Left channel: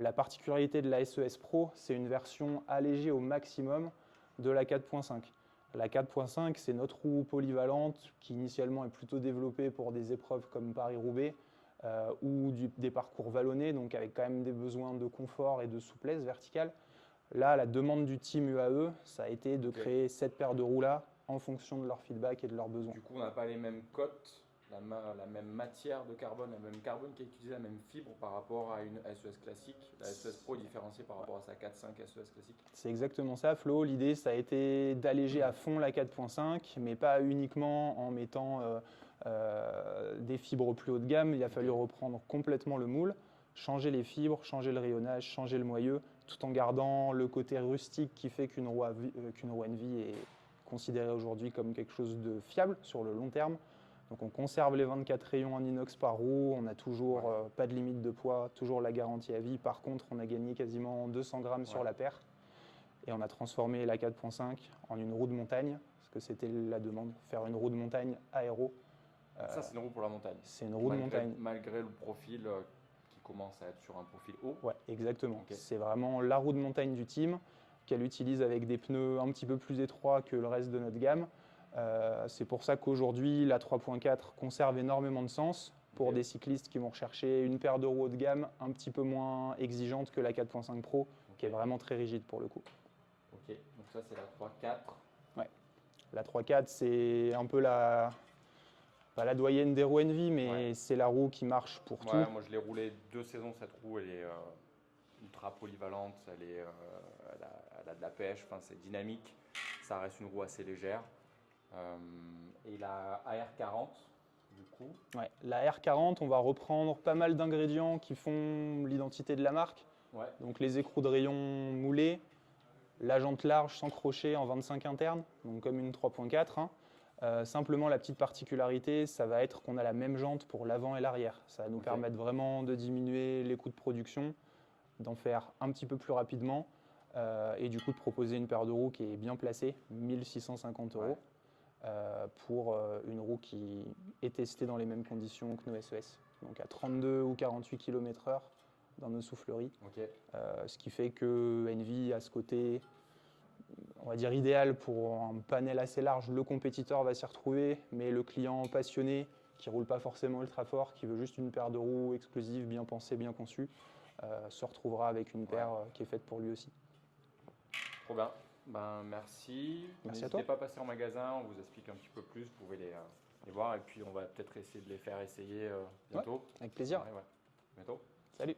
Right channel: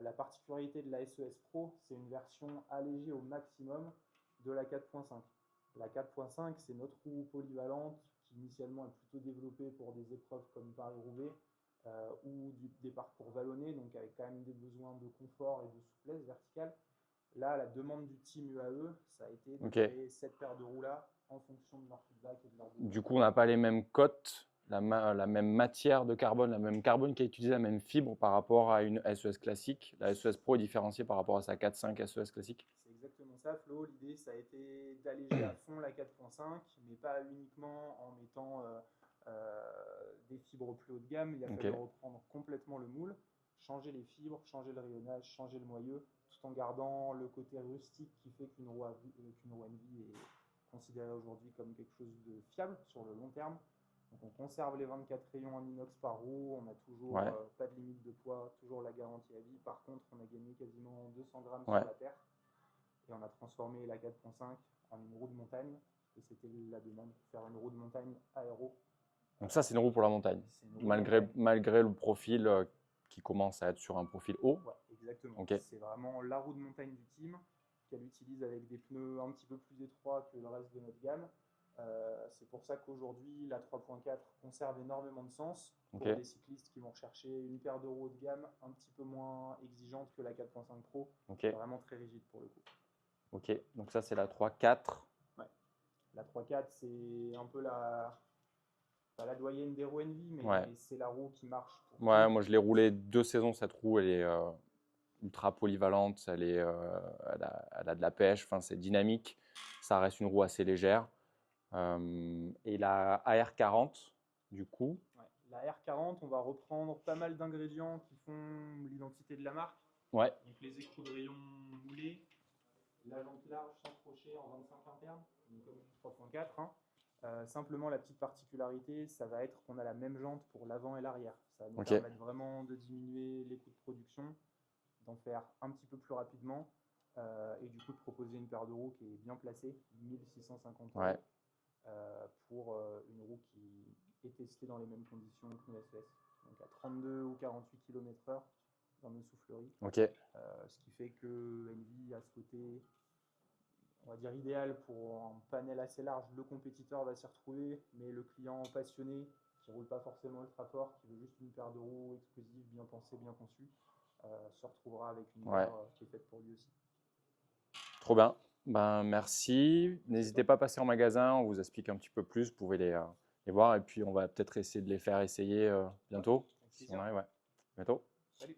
La particularité de la SES Pro, c'est une version allégée au maximum de la 4.5. La 4.5, c'est notre roue polyvalente qui initialement est plutôt développée pour des épreuves comme Paris-Roubaix ou des parcours vallonnés, donc avec quand même des besoins de confort et de souplesse verticale. Là, la demande du team UAE, ça a été de créer cette paire de roues-là en fonction de leur feedback et de leurs besoins. Du coup, on n'a pas les mêmes cotes, la même matière de carbone, la même carbone qui est utilisée, la même fibre par rapport à une SES classique. La SES Pro est différenciée par rapport à sa 4.5 SES classique. C'est exactement ça, Flo. L'idée, ça a été d'alléger à fond la 4.5, mais pas uniquement en mettant des fibres plus haut de gamme. Il a fallu reprendre complètement le moule, changer les fibres, changer le rayonnage, changer le moyeu, tout en gardant le côté rustique qui fait qu'une roue Envy est considérée aujourd'hui comme quelque chose de fiable sur le long terme. Donc on conserve les 24 rayons en inox par roue, on n'a toujours pas de limite de poids, toujours la garantie à vie. Par contre, on a gagné quasiment 200 grammes sur la paire. Et on a transformé la 4.5 en une roue de montagne, parce que c'était la demande, faire une roue de montagne aéro. Donc ça, c'est une roue pour la montagne. C'est une roue de montagne. Malgré le profil qui commence à être sur un profil haut. Ouais, exactement. C'est vraiment la roue de montagne du team qu'elle utilise avec des pneus un petit peu plus étroits que le reste de notre gamme. C'est pour ça qu'aujourd'hui, la 3.4 conserve énormément de sens pour des cyclistes qui vont rechercher une paire de roues haut de gamme un petit peu moins exigeante que la 4.5 Pro, vraiment très rigide pour le coup. Ok, donc ça c'est la 3.4. Ouais. La 3.4, c'est un peu pas la doyenne des roues Envy, mais c'est la roue qui marche pour tout. Moi je l'ai roulée 2 saisons cette roue, elle est ultra polyvalente, elle a de la pêche, c'est dynamique, ça reste une roue assez légère. Et la AR40, du coup la R40, on va reprendre pas mal d'ingrédients qui font l'identité de la marque. Donc les écrous de rayon moulés, la jante large sans crochet en 25 interne, donc comme une 3.4. Simplement, la petite particularité, ça va être qu'on a la même jante pour l'avant et l'arrière. Ça va nous permettre vraiment de diminuer les coûts de production, d'en faire un petit peu plus rapidement et du coup de proposer une paire de roues qui est bien placée, 1650 €. Pour une roue qui est testée dans les mêmes conditions que nos SES, donc à 32 ou 48 km/h dans nos souffleries. Ce qui fait que Envy a ce côté, on va dire, idéal pour un panel assez large. Le compétiteur va s'y retrouver, mais le client passionné qui ne roule pas forcément ultra fort, qui veut juste une paire de roues explosives, bien pensée, bien conçue, se retrouvera avec une paire qui est faite pour lui aussi. Trop bien. Merci. N'hésitez pas à passer en magasin, on vous explique un petit peu plus, vous pouvez les voir et puis on va peut-être essayer de les faire essayer bientôt. Avec plaisir. Bientôt. Salut.